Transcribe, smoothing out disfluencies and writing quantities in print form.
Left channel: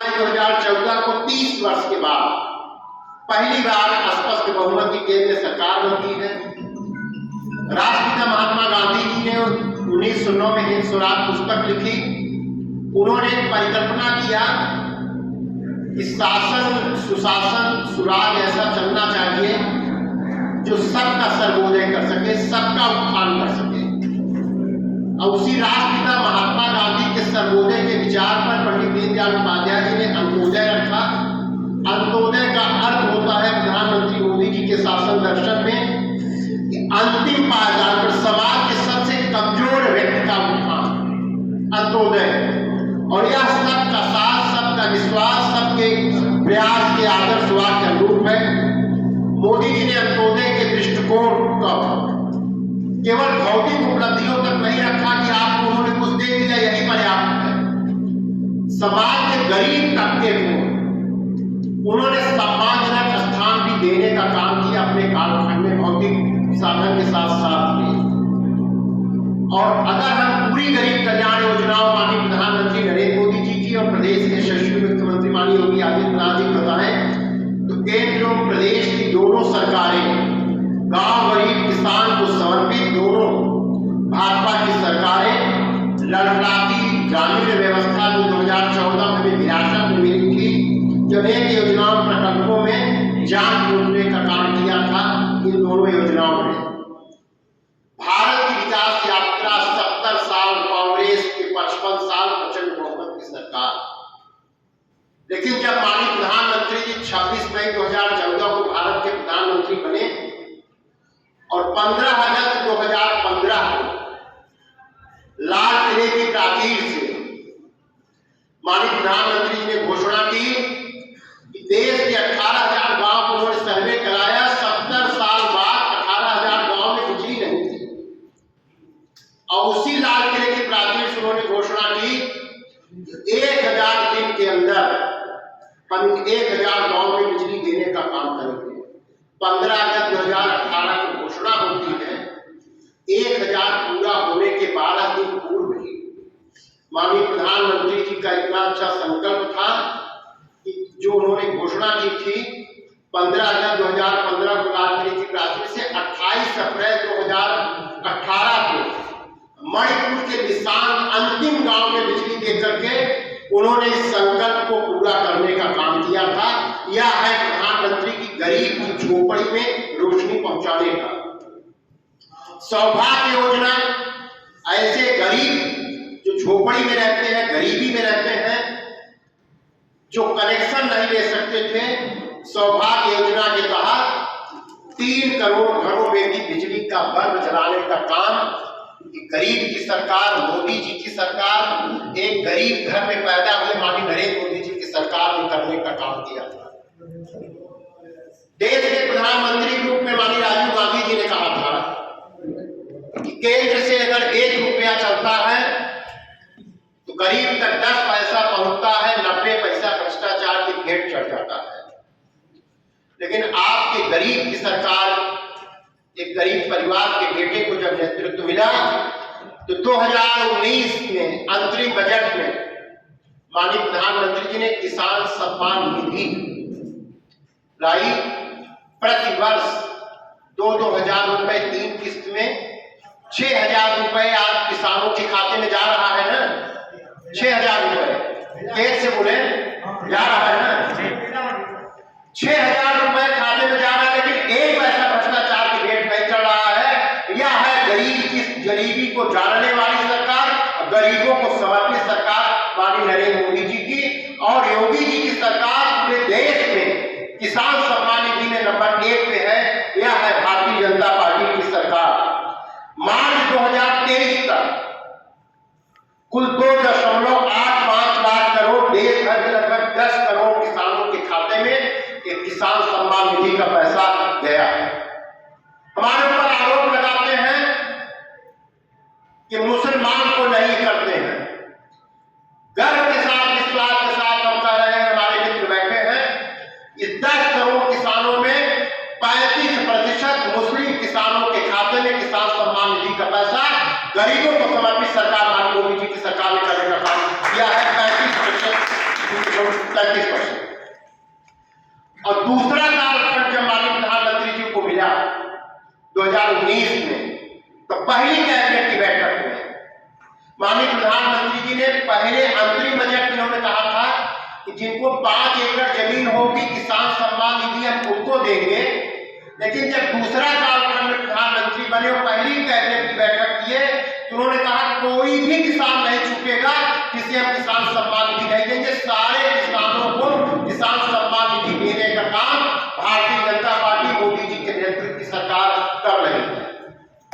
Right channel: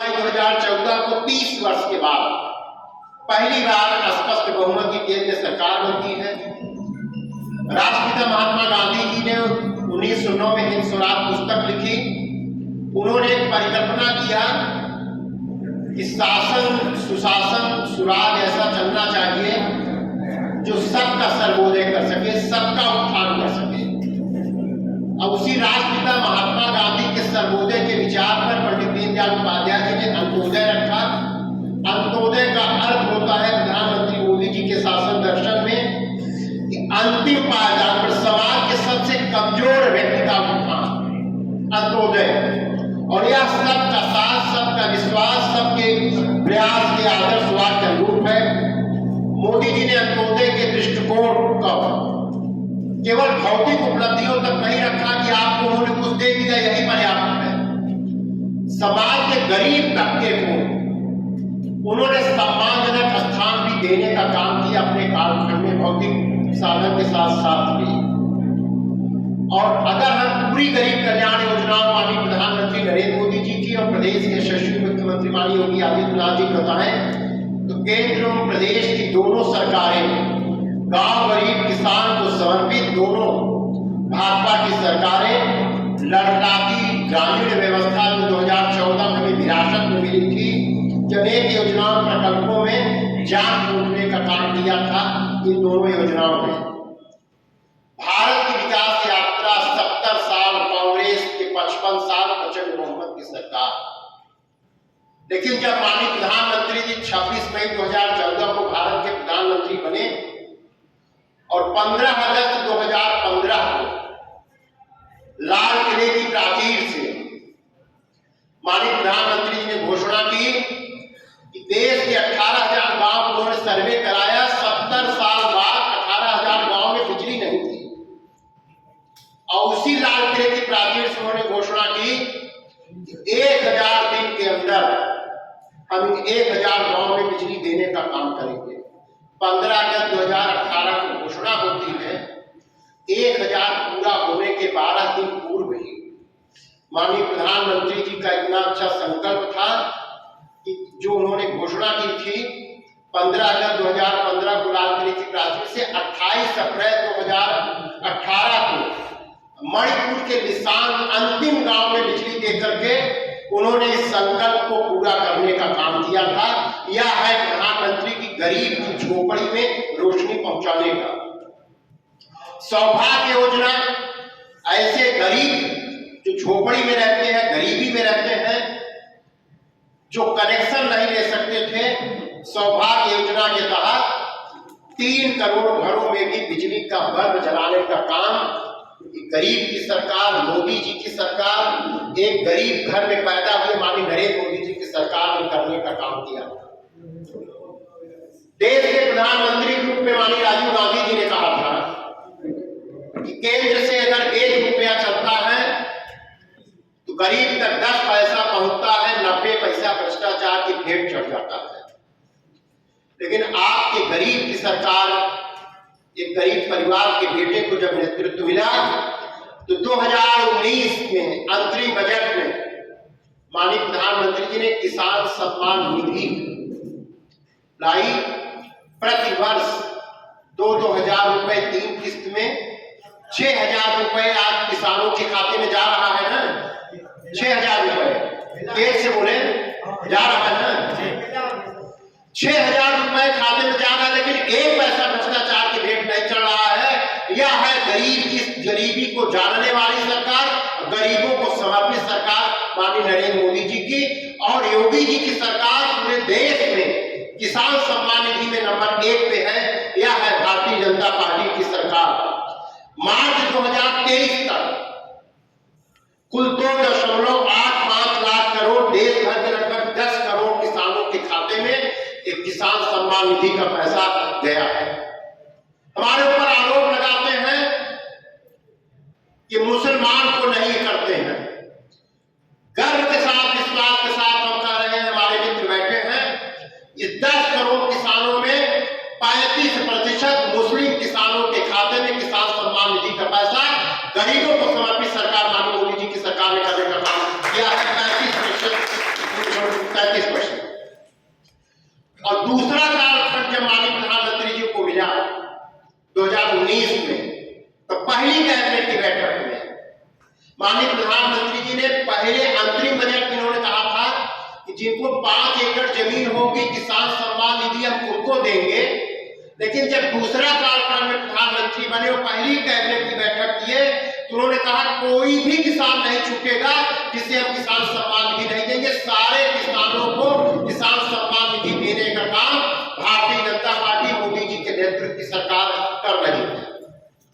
2014 को 30 वर्ष के बाद पहली बार स्पष्ट बहुमत की केंद्र सरकार बनती है। राष्ट्रपिता महात्मा गांधी जी ने 1909 में हिंद स्वराज पुस्तक लिखी। उन्होंने एक परिकल्पना किया कि शासन सुशासन सुराज ऐसा चलना चाहिए जो सबका सर्वोदय कर सके, सबका उत्थान कर सके। और उसी राष्ट्रपिता महात्मा गांधी के सर्वोदय के विचार पर पंडित दीनदयाल उपाध्याय जी ने अंत्योदय रखा। अंत्योदय का अर्थ होता है प्रधानमंत्री मोदी जी के शासन दर्शन में कि अंतिम पायदान पर समाज के सबसे कमजोर व्यक्ति का उत्थान, अंत्योदय। और यह सबका साथ, सबका विश्वास, सबके प्रयास के आदर्शवाद के अनुरूप है। मोदी जी ने अंत्योदय के दृष्टिकोण का केवल भौतिक उपलब्धियों तक नहीं रखा कि आपको उन्होंने कुछ दे दिया यही पर्याप्त है। समाज के गरीब तबके को उन्होंने सम्मानजनक स्थान भी देने का काम किया अपने कालखंड में, भौतिक साधन के साथ साथ भी। और अगर हम पूरी गरीब कल्याण योजनाओं माननीय प्रधानमंत्री नरेंद्र मोदी जी की और प्रदेश के यशस्वी मुख्यमंत्री माननीय योगी आदित्यनाथ जी बताएं तो केंद्र और प्रदेश की दोनों सरकारें, गांव गरीब किसान को समर्पित दोनों भाजपा की सरकारें लड़खड़ाती ग्रामीण व्यवस्था जो 2014 में विरासत में मिली थी, जब एक योजनाओं प्रकल्पों में जान फूंकने का काम किया था। इन दोनों योजनाओं में भारत की विकास यात्रा 70 साल, कांग्रेस के 55 साल प्रचंड बहुमत की सरकार। लेकिन जब माननीय प्रधानमंत्री जी 26 मई 2014 को भारत के प्रधानमंत्री बने और 15 अगस्त 2015 को लाल किले की प्राचीर से माननीय प्रधानमंत्री जी ने घोषणा की कि देश के 18,000 गांव को उन्होंने सर्वे कराया। 70 साल बाद 18,000 गांव में बिजली नहीं थी और उसी लाल किले की प्राचीर से उन्होंने घोषणा की 1000 दिन के अंदर हम इन 1000 गांव में बिजली देने का काम करेंगे। 15 अगस्त 2018 को घोषणा होती है। 1000 पूरा होने के 12 दिन पूर्व ही माननीय प्रधानमंत्री जी का इतना अच्छा संकल्प था कि जो उन्होंने घोषणा की थी 15 अगस्त 2015 को लाल किले की प्राचीर से 28 अप्रैल 2018 को मणिपुर के निशान अंतिम गांव में बिजली देकर के उन्होंने इस संकल्प को पूरा करने का काम किया था। यह है प्रधानमंत्री की गरीब की झोपड़ी में रोशनी पहुंचाने का। सौभाग्य योजना ऐसे गरीब जो झोपड़ी में रहते हैं, गरीबी में रहते हैं, जो कनेक्शन नहीं ले सकते थे, सौभाग्य योजना के तहत 3 करोड़ घरों में भी बिजली का बल्ब जलाने का काम गरीब की सरकार, मोदी जी की सरकार, एक गरीब घर में पैदा हुए माननीय नरेंद्र मोदी जी की सरकार ने करने का काम किया था। देश के प्रधानमंत्री के रूप में माननीय राजीव गांधी जी ने कहा था कि केंद्र से अगर 1 रुपया चलता है तो गरीब तक 10 पैसा पहुंचता है, 90 पैसा भ्रष्टाचार की भेंट चढ़ जाता है। लेकिन आपके गरीब की सरकार, एक गरीब परिवार के बेटे को जब नेतृत्व मिला तो 2019 में अंतरिम बजट में माननीय प्रधानमंत्री जी ने किसान सम्मान निधि लाई। प्रति वर्ष 2-2 रुपए 3 किस्त में 6,000 रुपए आज किसानों के खाते में जा रहा है ना। 6,000 रुपए तेज से बोले जा रहा है ना। 6,000 रुपए खाते में जा रहा है, लेकिन 1 पैसा भ्रष्टाचार की भेंट नहीं चढ़ रहा है। यह है गरीब की गरीबी को जानने वाली सरकार, गरीबों को समर्पित सरकार माननीय नरेंद्र मोदी जी की। और योगी जी की सरकार पूरे देश में किसान सम्मान निधि में नंबर 1 पे है। यह है भारतीय जनता पार्टी की सरकार। मार्च 2023 तक कुल 2.85 लाख करोड़ देश भर के लगभग 10 करोड़ किसानों के खाते में एक किसान सम्मान निधि का पैसा गया है। हमारे ऊपर आरोप लगाते हैं कि मुसलमान को नहीं करते हैं। गर्व के साथ, विश्वास के साथ हम कह रहे हैं, हमारे मित्र बैठे हैं, इस 10 करोड़ किसानों में 35% मुस्लिम किसानों के खाते में किसान सम्मान निधि का पैसा गरीबों को समर्पित सरकार माननीय मोदी जी की सरकार ने करने का काम किया है। 35% 33%। और दूसरा कालखंड जब माननीय प्रधानमंत्री जी को मिला 2019 में, तो पहली कैबिनेट की बैठक में माननीय प्रधानमंत्री जी ने पहले अंतरिम बजट में इन्होंने कहा था कि जिनको 5 एकड़ जमीन होगी किसान सम्मान निधि हम उनको देंगे। लेकिन जब दूसरा कालखंड में प्रधानमंत्री बने और पहली कैबिनेट की बैठक की है तो उन्होंने कहा कोई भी किसान नहीं छूटेगा जिसे हम किसान सम्मान निधि नहीं देंगे,